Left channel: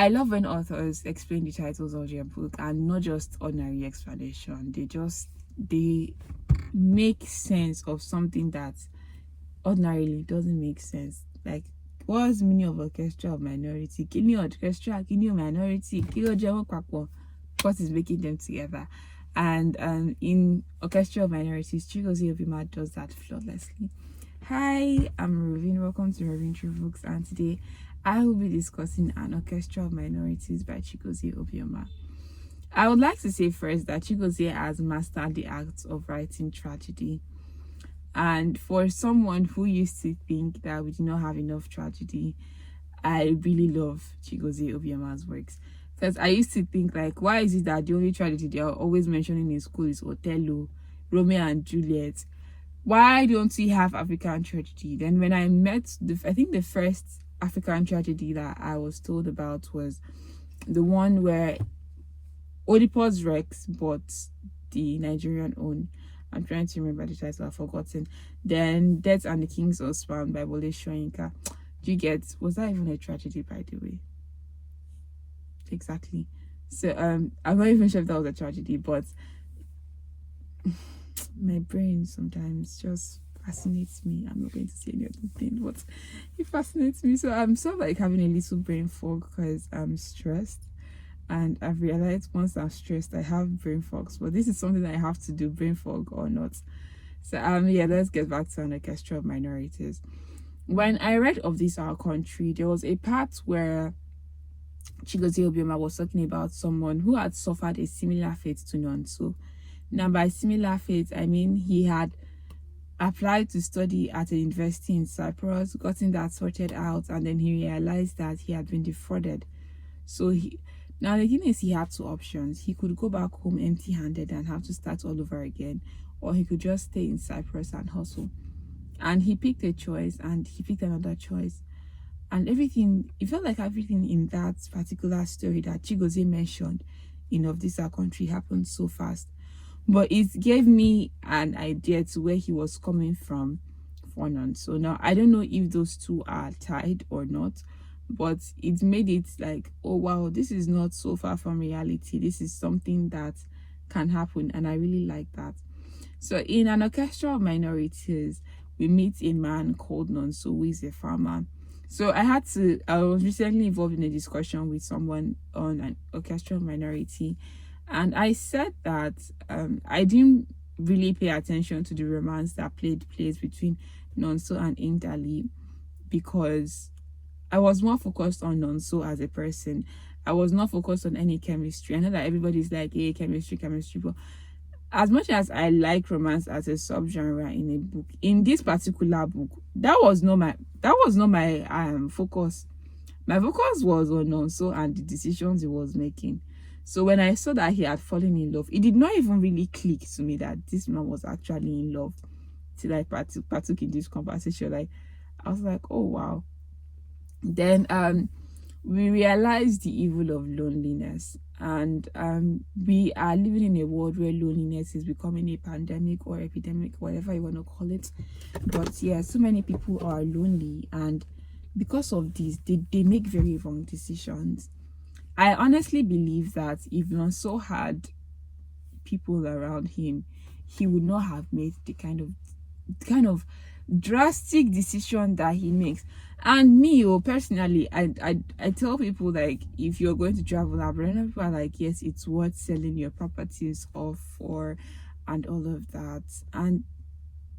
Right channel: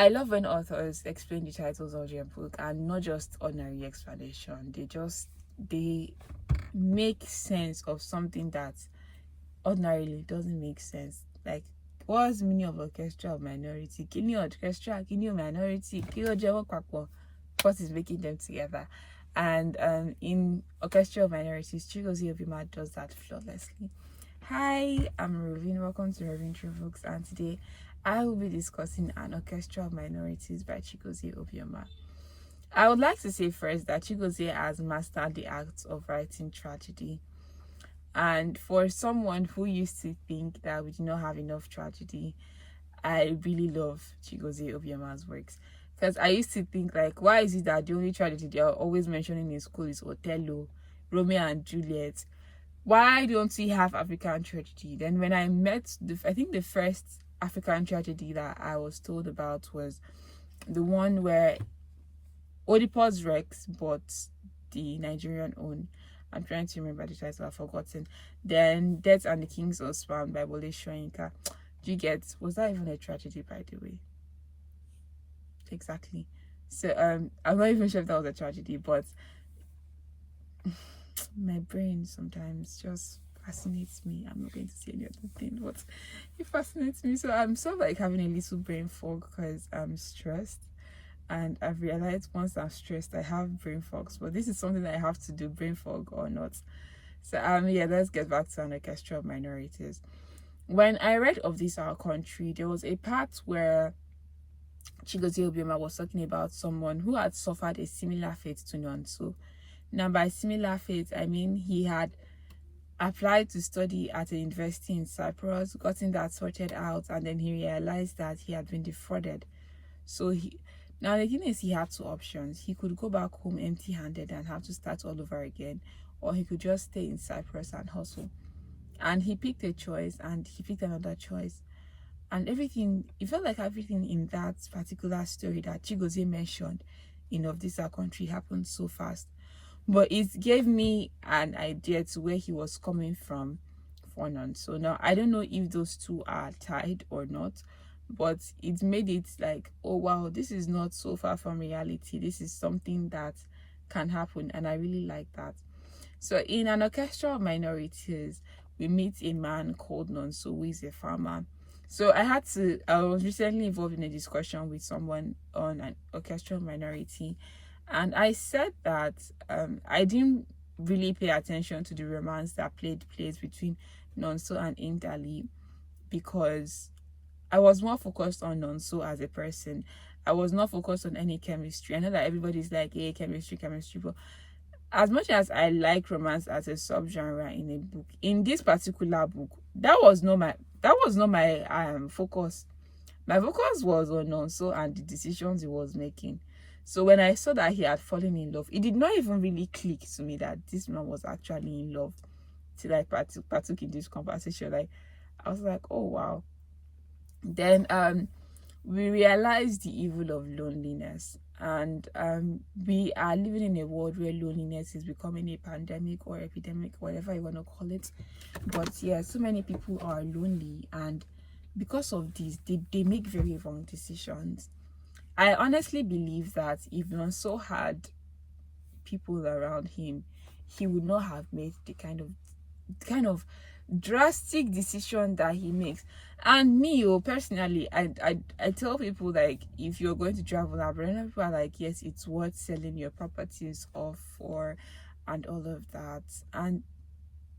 I love when authors explain the titles of their book and not just ordinary explanation. They make sense of something that ordinarily doesn't make sense. Like, what's the meaning of orchestra of minority? Kini orchestra, kini minority, kini ojewo papo. What is making them together? And in Orchestra of Minorities, Chigozie Obioma does that flawlessly. Hi, I'm Roving. Welcome to Roving True Books, and today I will be discussing An Orchestra of Minorities by Chigozie Obioma. I would like to say first that Chigozie has mastered the act of writing tragedy. And for someone who used to think that we do not have enough tragedy, I really love Chigozie Obioma's works. Because I used to think, like, why is it that the only tragedy they are always mentioning in school is Othello, Romeo and Juliet? Why don't we have African tragedy? Then when I met, I think the first African tragedy that I was told about was the one where Oedipus Rex bought the Nigerian own. I'm trying to remember the title, I've forgotten. Then Death and the King's Husband by Wole Soyinka. Do you get? Was that even a tragedy, by the way? Exactly. So I'm not even sure if that was a tragedy, but my brain sometimes just fascinates me. I'm not going to say any other thing, but it fascinates me. So I'm sort of like having a little brain fog because I'm stressed, and I've realized once I'm stressed I have brain fogs, but this is something that I have to do, brain fog or not. So yeah, let's get back to An Orchestra of Minorities. When I read of This Our Country, there was a part where Chigozie Obioma was talking about someone who had suffered a similar fate to Nonso. Now, by similar fate, I mean he had applied to study at a university in Cyprus, gotten that sorted out, and then he realized that he had been defrauded. So now the thing is, he had two options. He could go back home empty-handed and have to start all over again, or he could just stay in Cyprus and hustle. And he picked a choice, and he picked another choice. And everything, it felt like everything in that particular story that Chigozie mentioned in Of This Our Country happened so fast. But it gave me an idea to where he was coming from for Nonso. So now, I don't know if those two are tied or not, but it made it like, oh wow, this is not so far from reality. This is something that can happen, and I really like that. So in An Orchestra of Minorities, we meet a man called Nonso, who is a farmer. So I was recently involved in a discussion with someone on An Orchestra of Minority, and I said that I didn't really pay attention to the romance that played place between Nonso and Indali, because I was more focused on Nonso as a person. I was not focused on any chemistry. I know that everybody's like, hey, chemistry, but as much as I like romance as a subgenre in a book, in this particular book, that was not my focus. My focus was on Nonso and the decisions he was making. So when I saw that he had fallen in love, it did not even really click to me that this man was actually in love till I partook in this conversation. Like, I was like, oh wow. Then we realized the evil of loneliness, and we are living in a world where loneliness is becoming a pandemic or epidemic, whatever you want to call it. But yeah, so many people are lonely, and because of this, they make very wrong decisions. I honestly believe that if Nonso had people around him, he would not have made the kind of drastic decision that he makes. And me, personally, I tell people, like, if you're going to travel abroad, people are like, yes, it's worth selling your properties off for and all of that. And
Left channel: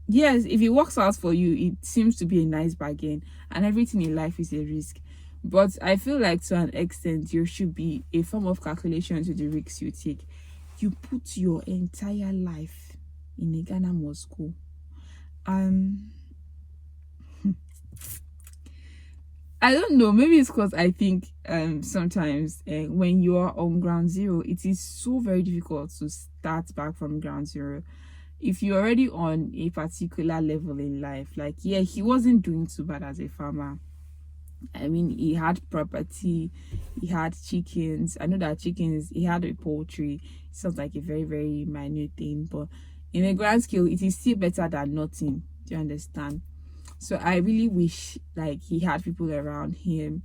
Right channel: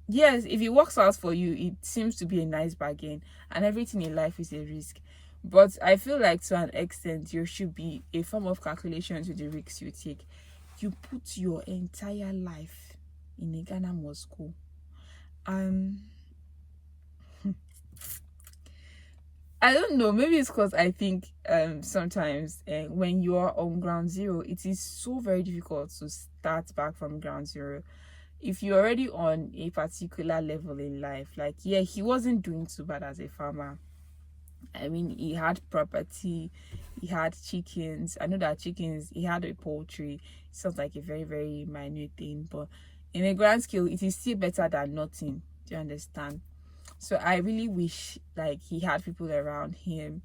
yes, if it works out for you, it seems to be a nice bargain, and everything in life is a risk. But I feel like to an extent there should be a form of calculation to the risks you take. You put your entire life in a Ghana Moscow. I don't know, maybe it's because I think sometimes when you are on ground zero, it is so very difficult to start back from ground zero. If you're already on a particular level in life, like, yeah, he wasn't doing too bad as a farmer. I mean, he had property, he had chickens. I know that chickens, he had a poultry. It sounds like a very, very minor thing, but in a grand scale, it is still better than nothing. Do you understand? So I really wish, like, he had people around him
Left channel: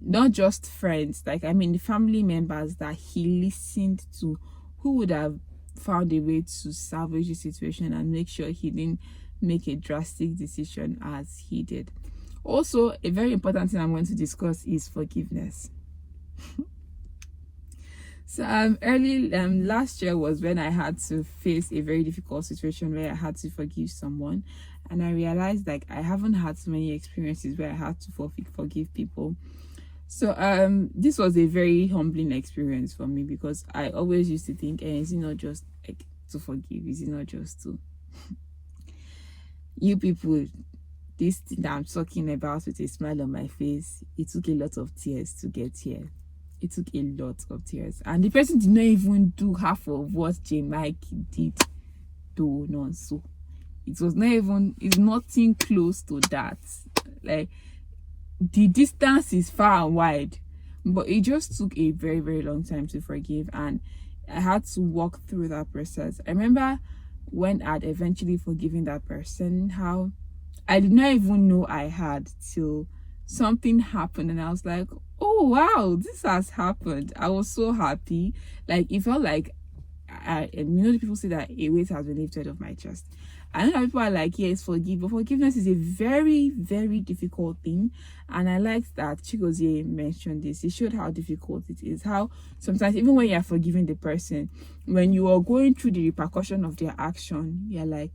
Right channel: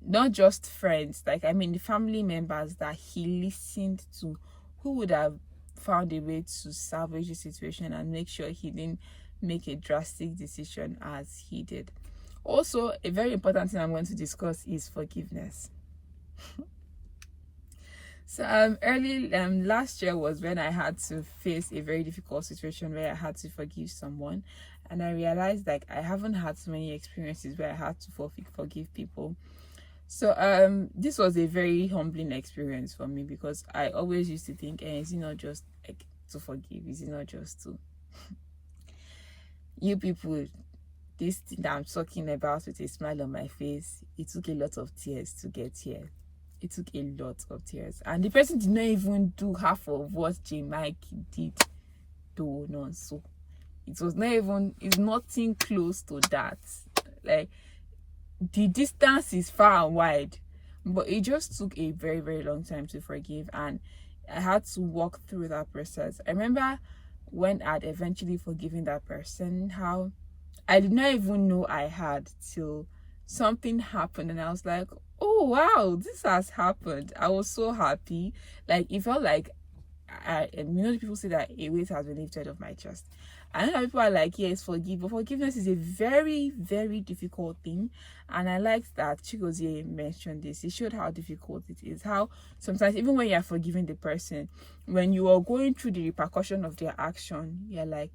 not just friends, like I mean the family members that he listened to, who would have found a way to salvage the situation and make sure he didn't make a drastic decision as he did. Also, a very important thing I'm going to discuss is forgiveness. So early last year was when I had to face a very difficult situation where I had to forgive someone, and I realized like I haven't had so many experiences where I had to forgive people. So this was a very humbling experience for me, because I always used to think, is it not just like to forgive? Is it not just to you people? This thing that I'm talking about with a smile on my face, it took a lot of tears to get here. It took a lot of tears, and the person did not even do half of what J. Mike did to Nonso. It was not even, it's nothing close to that. Like, the distance is far and wide, but it just took a very, very long time to forgive, and I had to walk through that process. I remember when I'd eventually forgiven that person, how I did not even know I had till something happened, and I was like, oh wow, this has happened. I was so happy. Like, it felt like people say that a weight has been lifted off my chest. I know that people are like, yes, forgive, but forgiveness is a very, very difficult thing. And I like that Chigozie mentioned this. It showed how difficult it is. How sometimes, even when you're forgiving the person, when you are going through the repercussion of their action, you're like,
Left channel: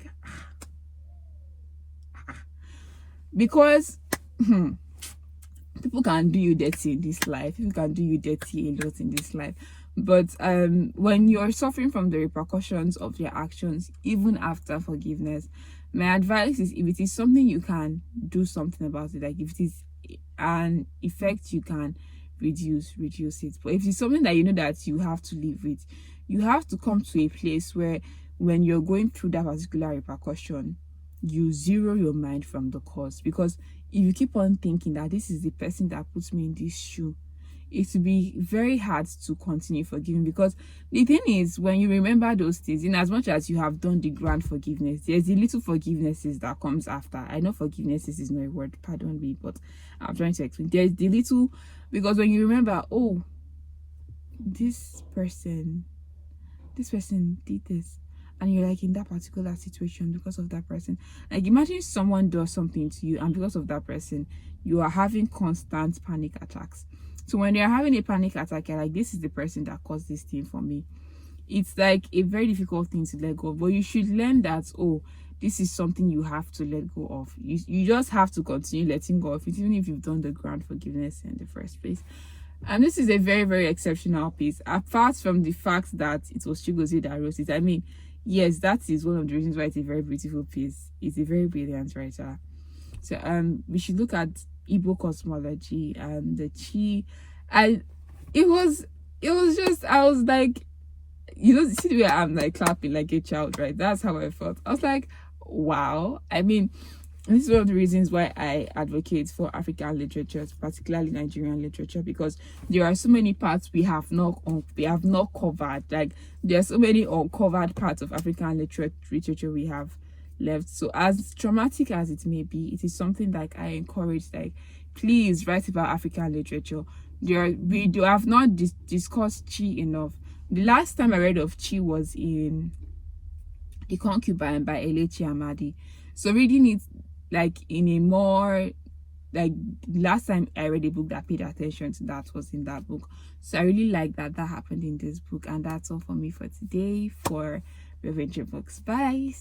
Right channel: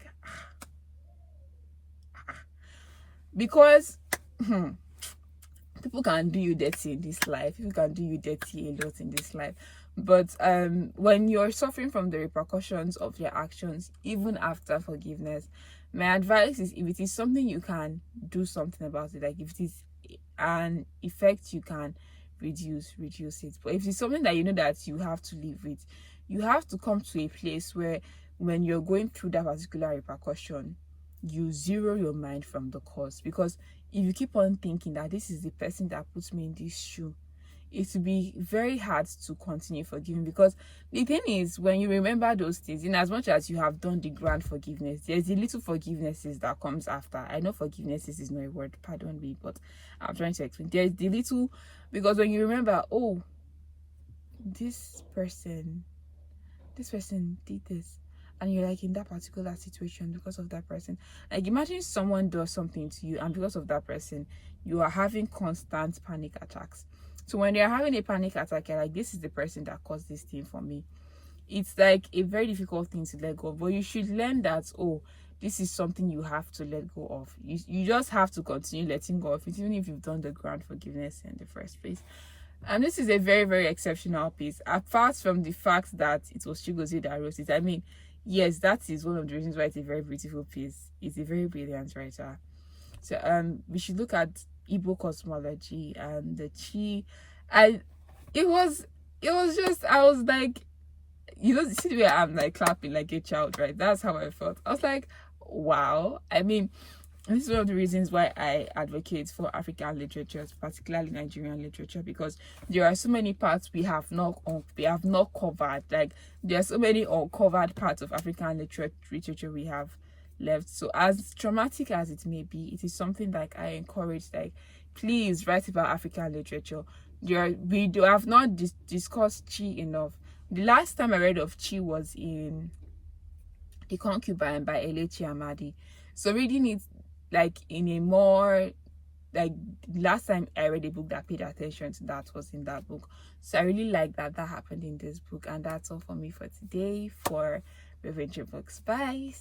because people can do you dirty in this life. People can do you dirty a lot in this life. But when you're suffering from the repercussions of your actions, even after forgiveness, my advice is, if it is something you can do something about it, like if it is an effect you can reduce it. But if it's something that you know that you have to live with, you have to come to a place where when you're going through that particular repercussion, you zero your mind from the cause. Because if you keep on thinking that this is the person that puts me in this shoe, it will be very hard to continue forgiving. Because the thing is, when you remember those things, in as much as you have done the grand forgiveness, there's the little forgivenesses that comes after. I know forgivenesses is not a word, pardon me, but I'm trying to explain. There's the little, because when you remember, oh, this person did this, and you're like in that particular situation because of that person. Like, imagine someone does something to you, and because of that person, you are having constant panic attacks. So when you're having a panic attack, you're like, this is the person that caused this thing for me. It's like a very difficult thing to let go of, but you should learn that, oh, this is something you have to let go of. You just have to continue letting go of it, even if you've done the grand forgiveness in the first place. And this is a very, very exceptional piece. Apart from the fact that it was Chigozie that wrote it, I mean, yes, that is one of the reasons why it's a very beautiful piece. It's a very brilliant writer. So we should look at Igbo cosmology and the chi. I was like, you know, see the way I'm like clapping like a child, right? That's how I felt. I was like, wow. I mean, this is one of the reasons why I advocate for African literature, particularly Nigerian literature, because there are so many parts we have not covered. Like, there are so many uncovered parts of African literature we have left. So as traumatic as it may be, it is something like I encourage, like, please write about African literature. We have not discussed Chi enough. The last time I read of Chi was in The Concubine by Elechi Amadi. So reading it like in a more, like, last time I read a book that paid attention to that was in that book. So I really like that happened in this book. And that's all for me for today for Roving Books. Bye.